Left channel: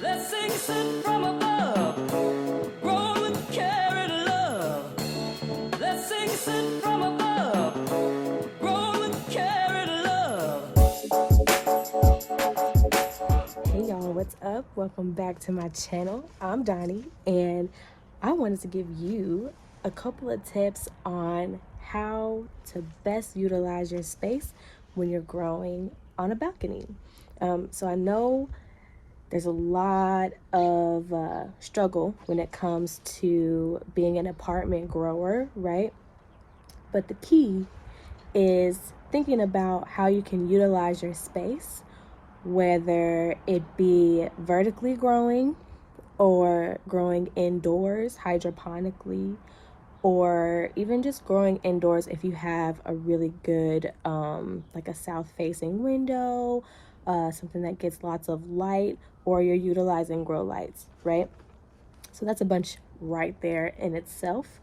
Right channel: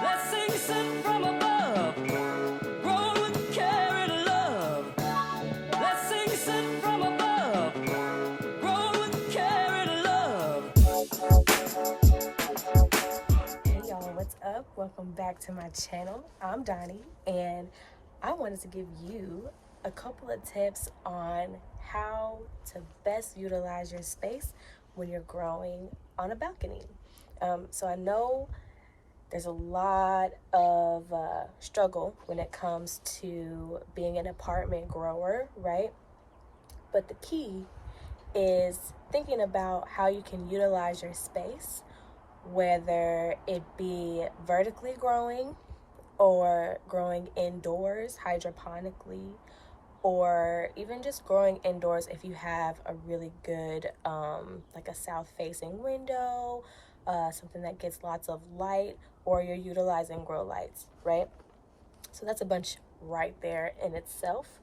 Blessings sent from above, grown with care and love. Blessings sent from above, grown with care and love. Hey y'all, what's up? Welcome back to my channel. I'm Donnie, and I wanted to give you a couple of tips on how to best utilize your space when you're growing on a balcony. So I know there's a lot of struggle when it comes to being an apartment grower, right? But the key is thinking about how you can utilize your space, whether it be vertically growing or growing indoors hydroponically, or even just growing indoors if you have a really good like a south facing window, something that gets lots of light, or you're utilizing grow lights, right? So that's a bunch right there in itself.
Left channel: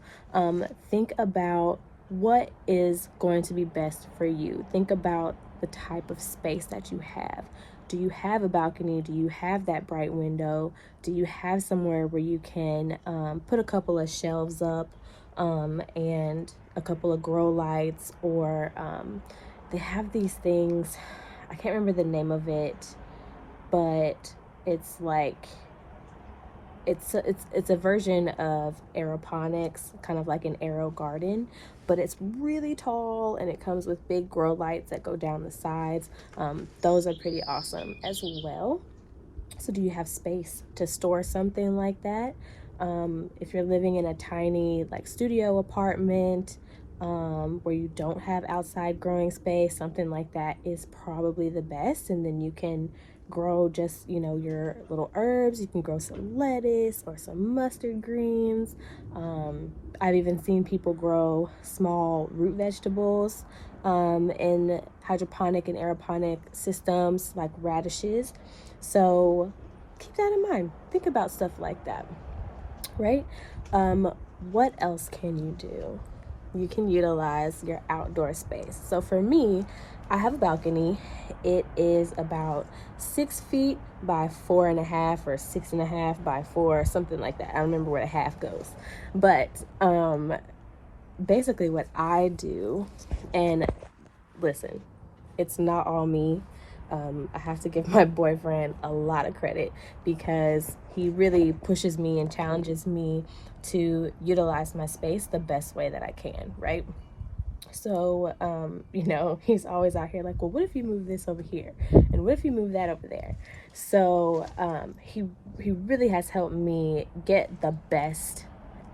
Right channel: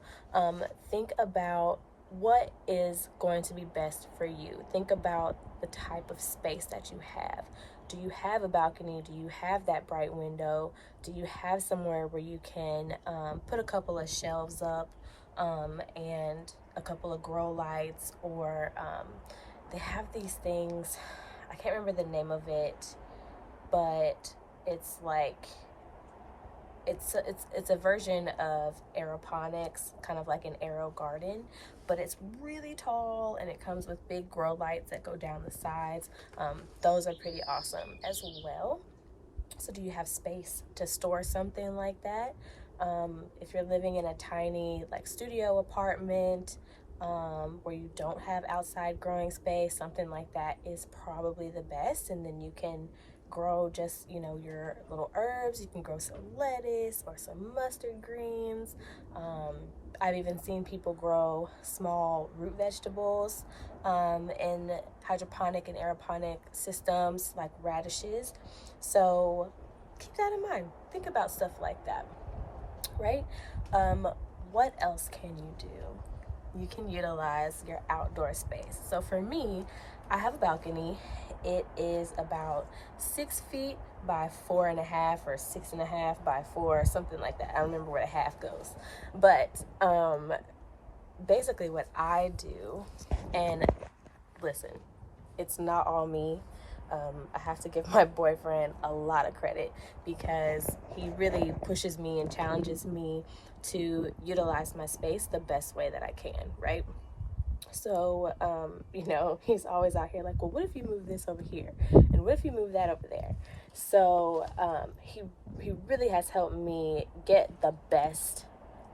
Think about what is going to be best for you. Think about the type of space that you have. Do you have a balcony? Do you have that bright window? Do you have somewhere where you can put a couple of shelves up and a couple of grow lights? Or they have these things, I can't remember the name of it, but it's like it's a version of aeroponics, kind of like an aero garden, but it's really tall and it comes with big grow lights that go down the sides. Those are pretty awesome as well. So do you have space to store something like that? If you're living in a tiny like studio apartment where you don't have outside growing space, something like that is probably the best. And then you can grow just, your little herbs. You can grow some lettuce or some mustard greens. I've even seen people grow small root vegetables in hydroponic and aeroponic systems like radishes. So keep that in mind. Think about stuff like that, right? What else can you do? You can utilize your outdoor space. So for me, I have a balcony. It is about 6 feet by 4.5 or 6.5 by 4, something like that. I don't remember where the half goes. But basically what I do, and listen, it's not all me. I have to give my boyfriend a lot of credit because he really pushes me and challenges me to utilize my space the best way that I can, right? So, he's always out here like, well, what if you move this over here? And what if you move that over there? So he really has helped me get the best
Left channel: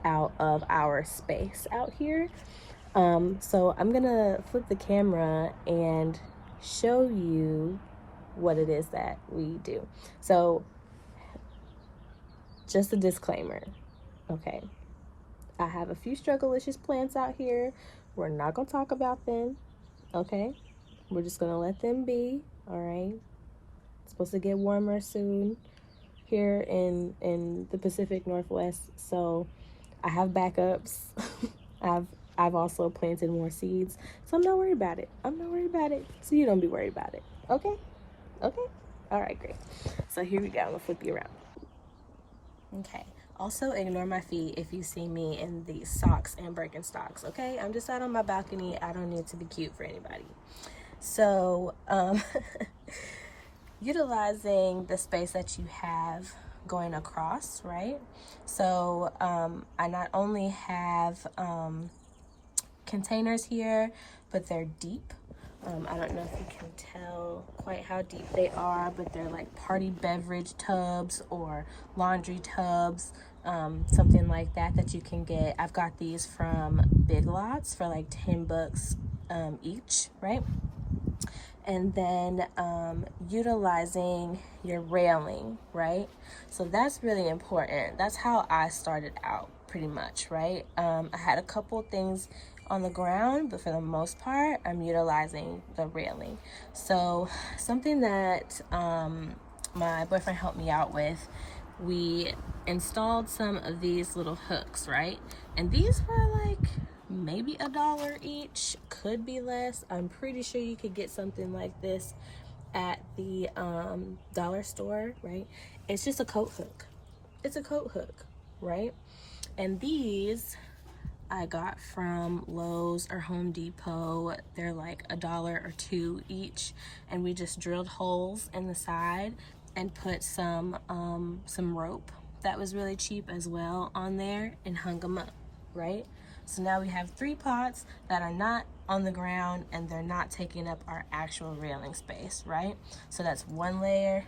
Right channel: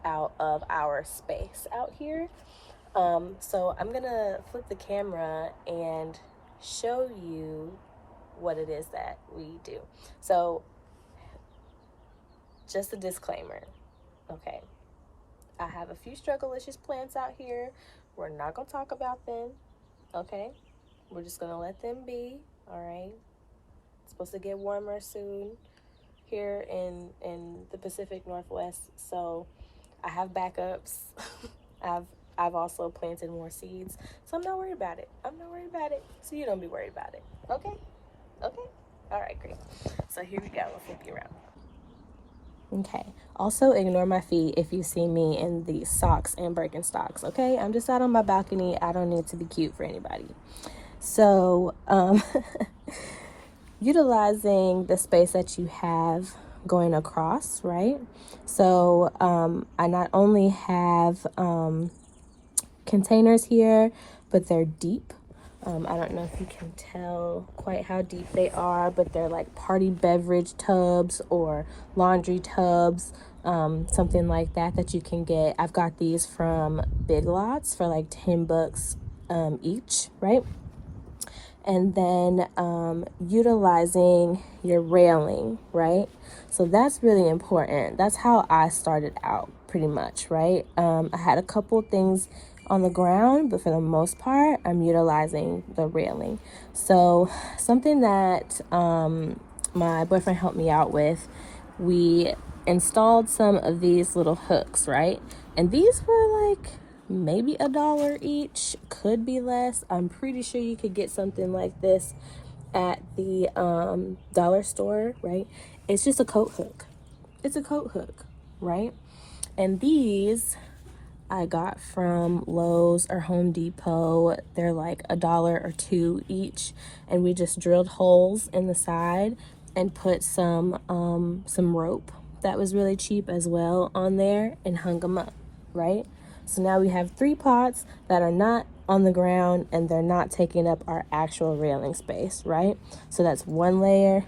out of our space out here. So I'm gonna flip the camera and show you what it is that we do. So just a disclaimer, okay? I have a few struggle-licious plants out here. We're not gonna talk about them, okay? We're just gonna let them be, all right? It's supposed to get warmer soon here in the Pacific Northwest, so I have backups. I've also planted more seeds, so I'm not worried about it. So you don't be worried about it, okay? Okay? All right, great. So here we go. I'm gonna flip you around. Okay. Also, ignore my feet if you see me in these socks and Birkenstocks, okay? I'm just out on my balcony. I don't need to be cute for anybody. So, utilizing the space that you have going across, right? So, I not only have containers here, but they're deep. I don't know if you can tell quite how deep they are, but they're like party beverage tubs or laundry tubs, something like that you can get. I've got these from Big Lots for like $10 each, right? And then utilizing your railing, right? So that's really important. That's how I started out pretty much, right? I had a couple things on the ground, but for the most part, I'm utilizing the railing. So something that my boyfriend helped me out with, we installed some of these little hooks, right? And these were like maybe $1 each, could be less. I'm pretty sure you could get something like this at the dollar store, right? It's just a coat hook. It's a coat hook, right? And these I got from Lowe's or Home Depot. They're like $1 or $2 each, and we just drilled holes in the side and put some rope that was really cheap as well on there and hung them up, right? So now we have 3 pots that are not on the ground and they're not taking up our actual railing space, right? So that's 1 layer,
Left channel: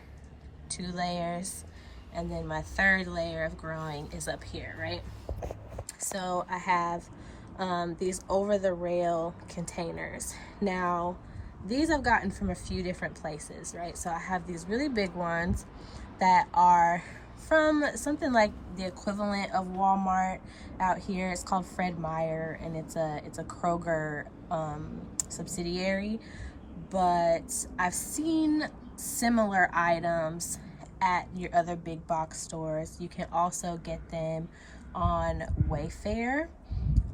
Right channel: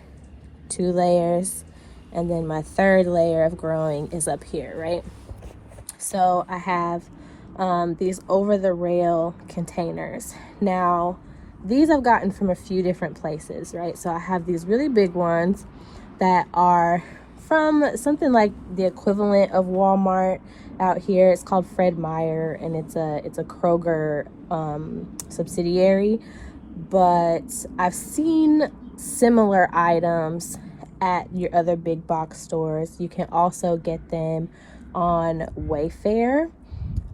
2 layers, and then my 3rd layer of growing is up here, right? So I have these over the rail containers. Now, these I've gotten from a few different places, right? So I have these really big ones that are from something like the equivalent of Walmart out here. It's called Fred Meyer, and it's a Kroger subsidiary. But I've seen similar items at your other big box stores. You can also get them on Wayfair,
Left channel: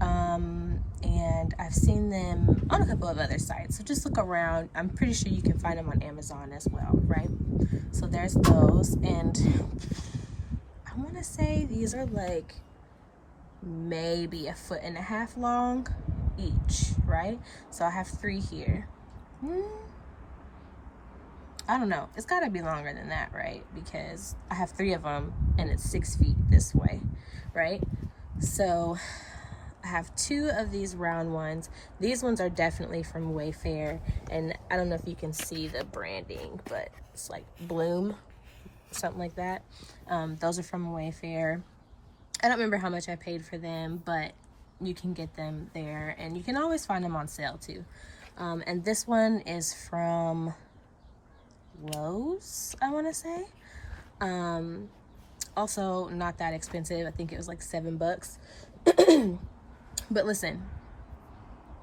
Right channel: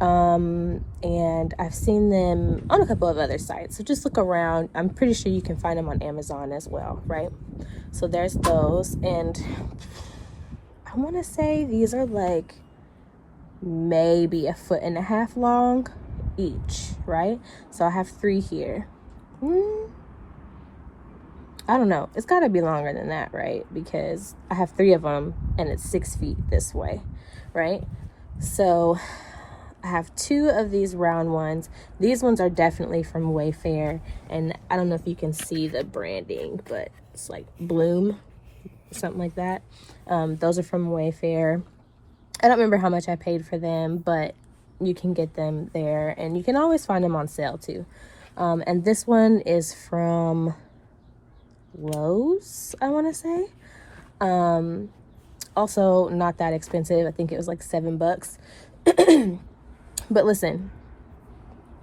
and I've seen them on a couple of other sites, so just look around. I'm pretty sure you can find them on Amazon as well, right? So there's those, and I want to say these are like maybe 1.5 feet long each, right? So I have 3 here. I don't know, it's got to be longer than that, right? Because I have 3 of them and it's 6 feet this way, right? So I have 2 of these round ones. These ones are definitely from Wayfair, and I don't know if you can see the branding, but it's like Bloom, something like that. Those are from Wayfair. I don't remember how much I paid for them, but you can get them there, and you can always find them on sale too. And this one is from Lowe's, I want to say. Also not that expensive. I think it was like $7. But listen,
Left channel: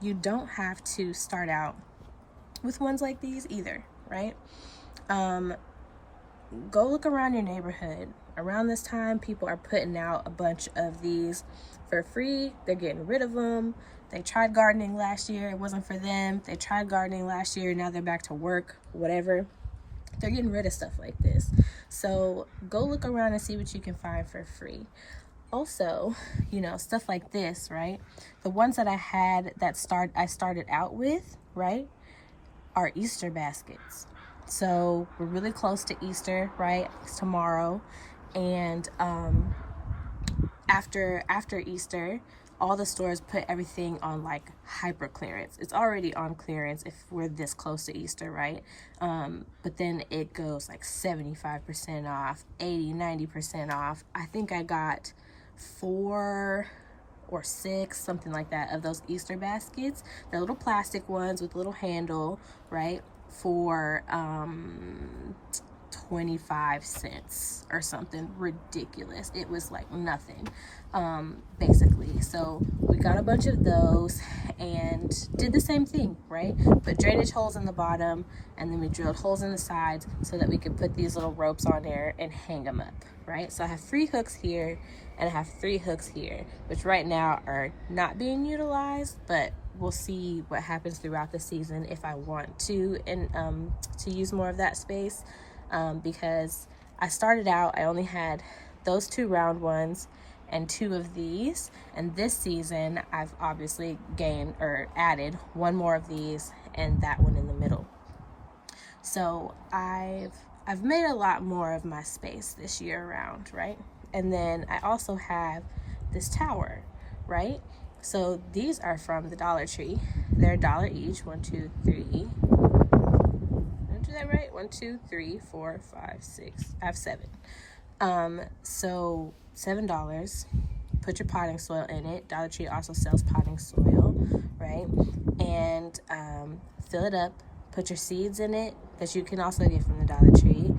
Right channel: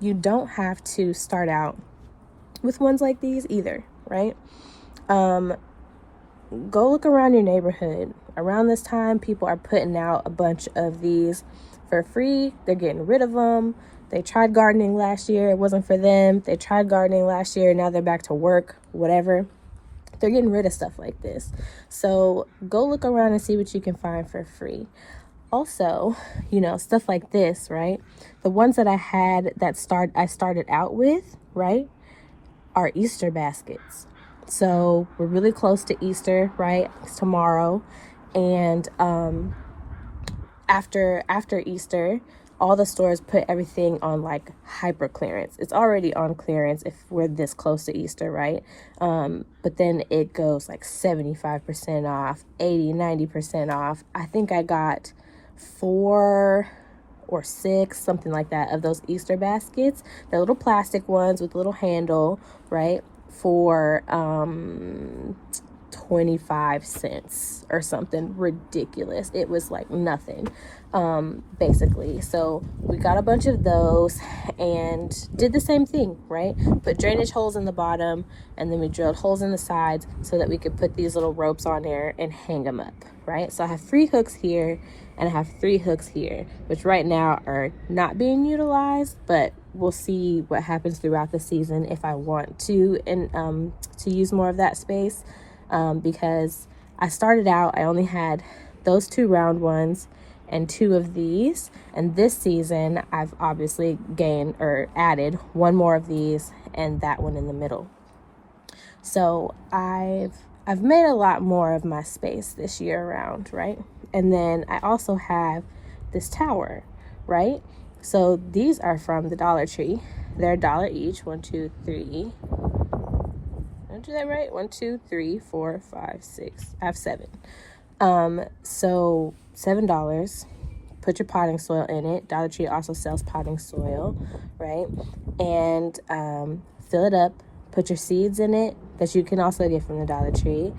you don't have to start out with ones like these either, right? Go look around your neighborhood. Around this time, people are putting out a bunch of these for free. They're getting rid of them. They tried gardening last year. It wasn't for them. They tried gardening last year. Now they're back to work, whatever. They're getting rid of stuff like this. So go look around and see what you can find for free. Also, you know, stuff like this, right? The ones that I had I started out with, right, are Easter baskets. So we're really close to Easter, right? It's tomorrow. And after Easter, all the stores put everything on like hyper clearance. It's already on clearance if we're this close to Easter, right? But then it goes like 75% off, 80, 90% off. I think I got 4 or 6, something like that, of those Easter baskets. They're little plastic ones with a little handle, right? For 25 cents or something ridiculous. It was like nothing, basically. So we got a bunch of those and did the same thing, right? Put drainage holes in the bottom, and then we drilled holes in the sides so that we could put these little ropes on there and hang them up, right? So I have 3 hooks here and I have 3 hooks here, which right now are not being utilized, but we'll see what happens throughout the season if I want to, and to use more of that space. Because I started out, I only had those 2 round ones and 2 of these, and this season I've obviously gained or added 1 more of these and that one in the middle. So I've made a lot more of my space this year around, right? And then I also have this tower, right? So these are from the Dollar Tree. They're $1 each. 1, 2, 3. Do that right? 1, 2, 3, 4, 5, 6. I have 7. So $7. Put your potting soil in it. Dollar Tree also sells potting soil, right? And fill it up. Put your seeds in it that you can also get from the Dollar Tree,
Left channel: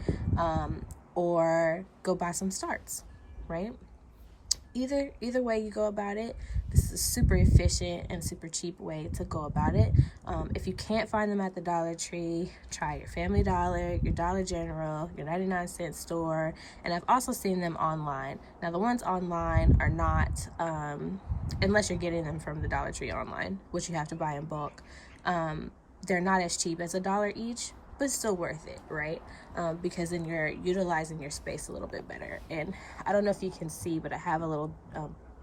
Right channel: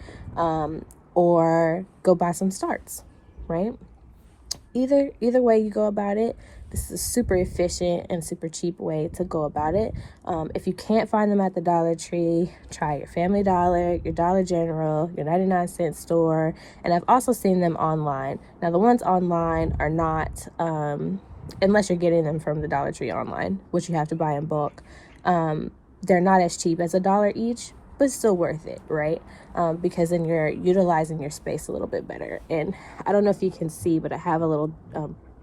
or go buy some starts, right? Either way you go about it, this is a super efficient and super cheap way to go about it. If you can't find them at the Dollar Tree, try your Family Dollar, your Dollar General, your 99-cent store, and I've also seen them online. Now, the ones online are not, unless you're getting them from the Dollar Tree online, which you have to buy in bulk, they're not as cheap as $1 each, but still worth it, right? Because then you're utilizing your space a little bit better. And I don't know if you can see, but I have a little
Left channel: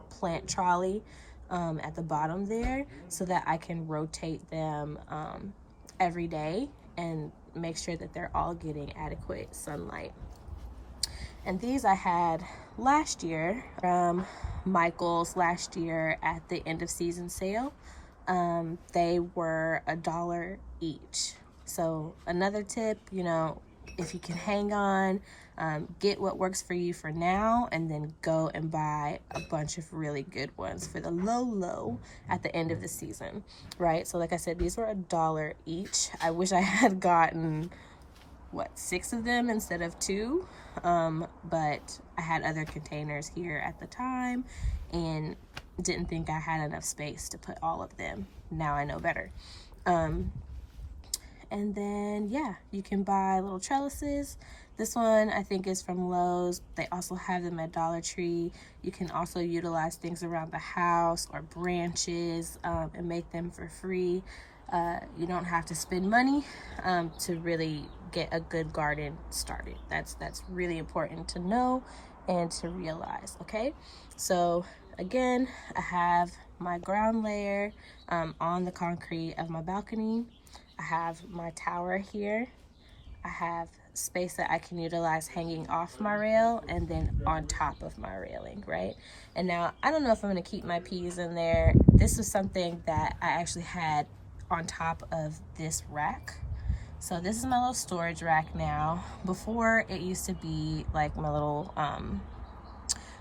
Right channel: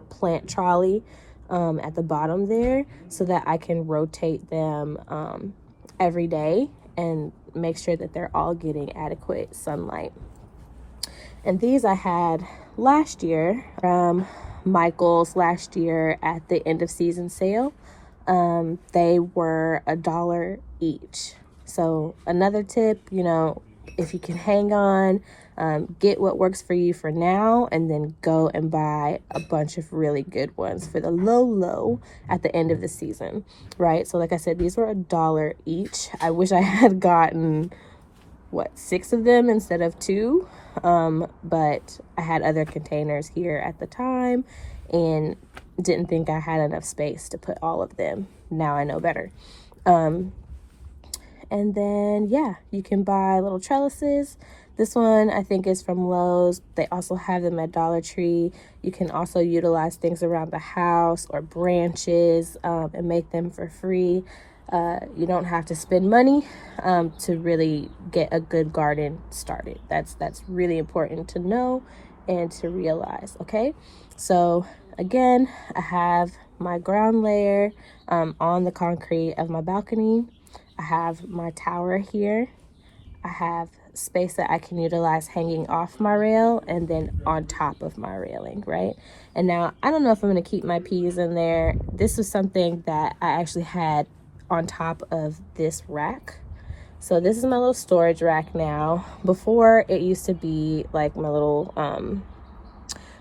plant trolley at the bottom there so that I can rotate them every day and make sure that they're all getting adequate sunlight. And these I had last year, Michael's last year at the end of season sale. They were $1 each. So another tip, you know, if you can hang on, get what works for you for now, and then go and buy a bunch of really good ones for the low at the end of the season, right? So like I said, these were $1 each. I wish I had gotten 6 of them instead of 2, but I had other containers here at the time and didn't think I had enough space to put all of them. Now I know better. And then yeah, you can buy little trellises. This one I think is from Lowe's. They also have them at Dollar Tree. You can also utilize things around the house or branches and make them for free. You don't have to spend money to really get a good garden started. That's really important to know and to realize, okay? So again, I have my ground layer on the concrete of my balcony. I have my tower here. I have space that I can utilize hanging off my rail and then on top of my railing, right? And now I don't know if I'm going to keep my peas in there. This was something that I actually had on top of this rack. So this is my little storage rack now. Before, it used to be like my little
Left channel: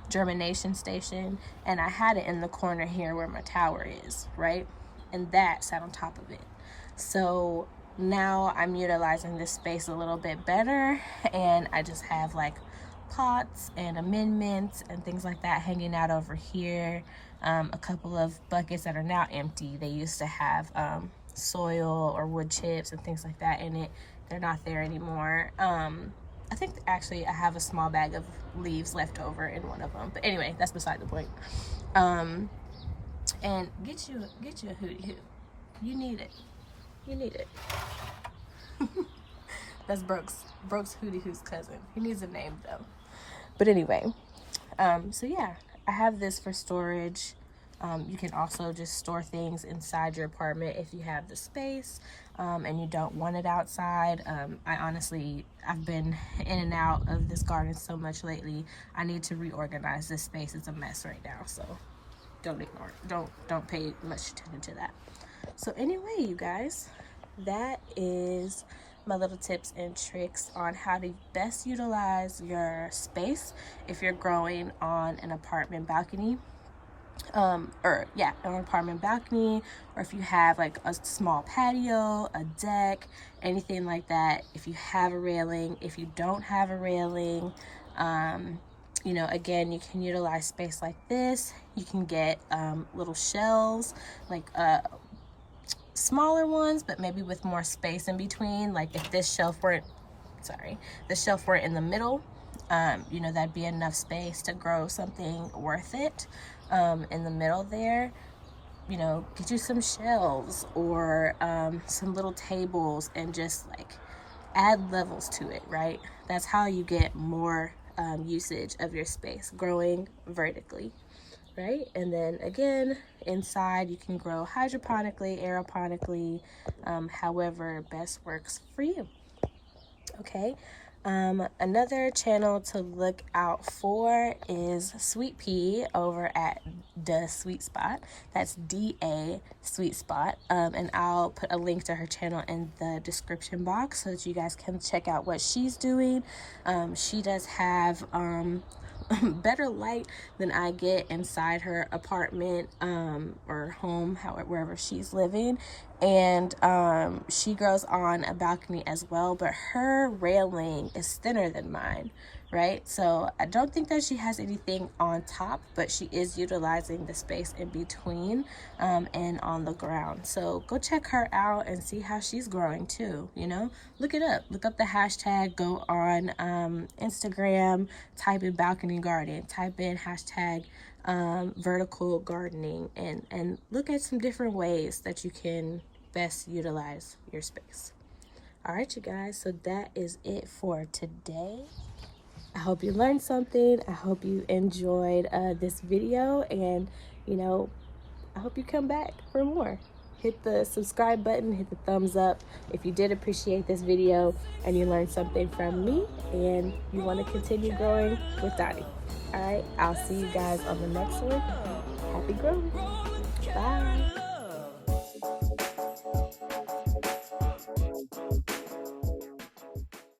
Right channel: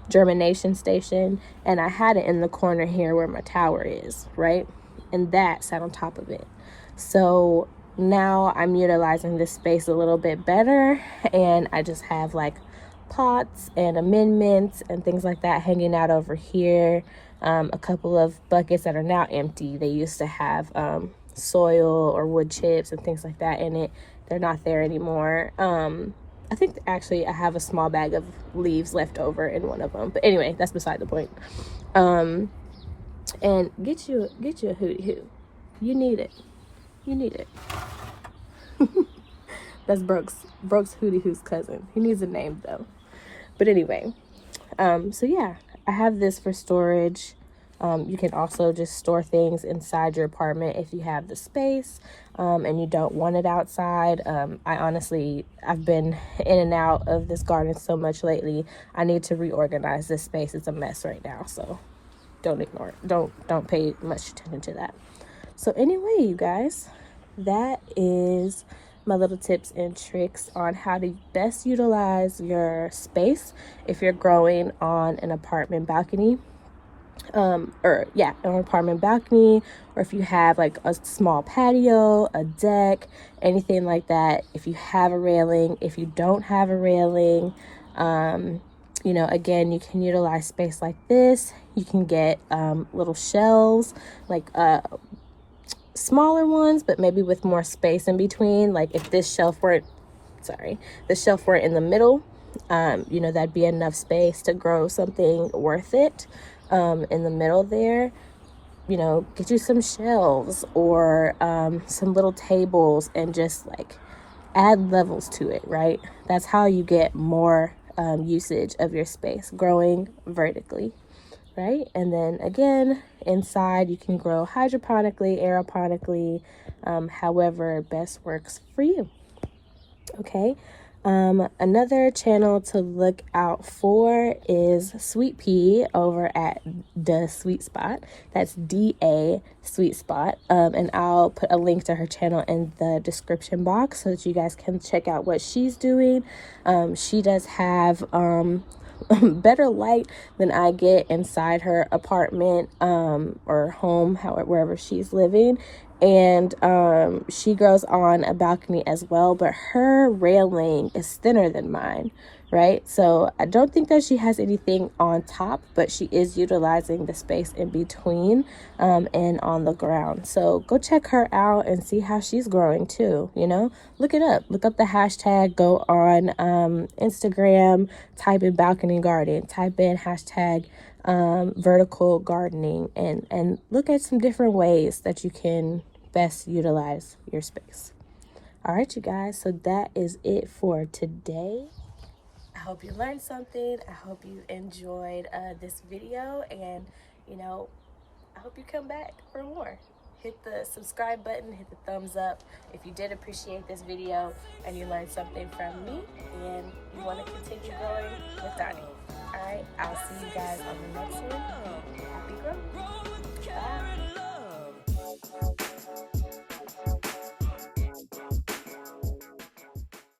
germination station, and I had it in the corner here where my tower is, right? And that sat on top of it. So now I'm utilizing this space a little bit better, and I just have like pots and amendments and things like that hanging out over here. A couple of buckets that are now empty. They used to have soil or wood chips and things like that in it. They're not there anymore. I think actually I have a small bag of leaves left over in one of them, but anyway, that's beside the point. And get you a hootie hoo. You need it. That's Brooks Hootie Hoo's cousin. He needs a name though. But anyway, so yeah, I have this for storage. You can also just store things inside your apartment if you have the space and you don't want it outside. I've been in and out of this garden so much lately. I need to reorganize this space. It's a mess right now, so don't ignore it. Don't pay much attention to that. So anyway, you guys, that is my little tips and tricks on how to best utilize your space if you're growing on an apartment balcony. An apartment balcony, or if you have like a small patio, a deck, anything like that. If you have a railing, if you don't have a railing, again, you can utilize space like this. You can get little shelves, like smaller ones, but maybe with more space in between. Like if the shelf weren't in the middle, that'd be enough space to grow something worth it. In the middle there, get you some shelves or some little tables and just like add levels to it, right? That's how you get more usage of your space, growing vertically, right? And then again, inside you can grow hydroponically, aeroponically, however best works for you. Okay. Another channel to look out for is Sweet Pea over at Da Sweet Spot. That's DA Sweet Spot. And I'll put a link to her channel in the description box so that you guys can check out what she's doing. She does have better light than I get inside her apartment or home, wherever she's living. And she grows on a balcony as well, but her railing is thinner than mine, right? So I don't think that she has anything on top, but she is utilizing the space in between and on the ground. So go check her out and see how she's growing too, look it up. Look up the hashtag, go on Instagram, type in balcony garden, type in hashtag vertical gardening, and look at some different ways that you can best utilize your space. All right, you guys, so that is it for today. I hope you learned something. I hope you enjoyed this video, and I hope you come back for more. Hit the subscribe button, hit the thumbs up if you did appreciate this video and you learned something from me and you want to continue growing with Donnie. All right, I'll see you guys on the next one. Happy growing.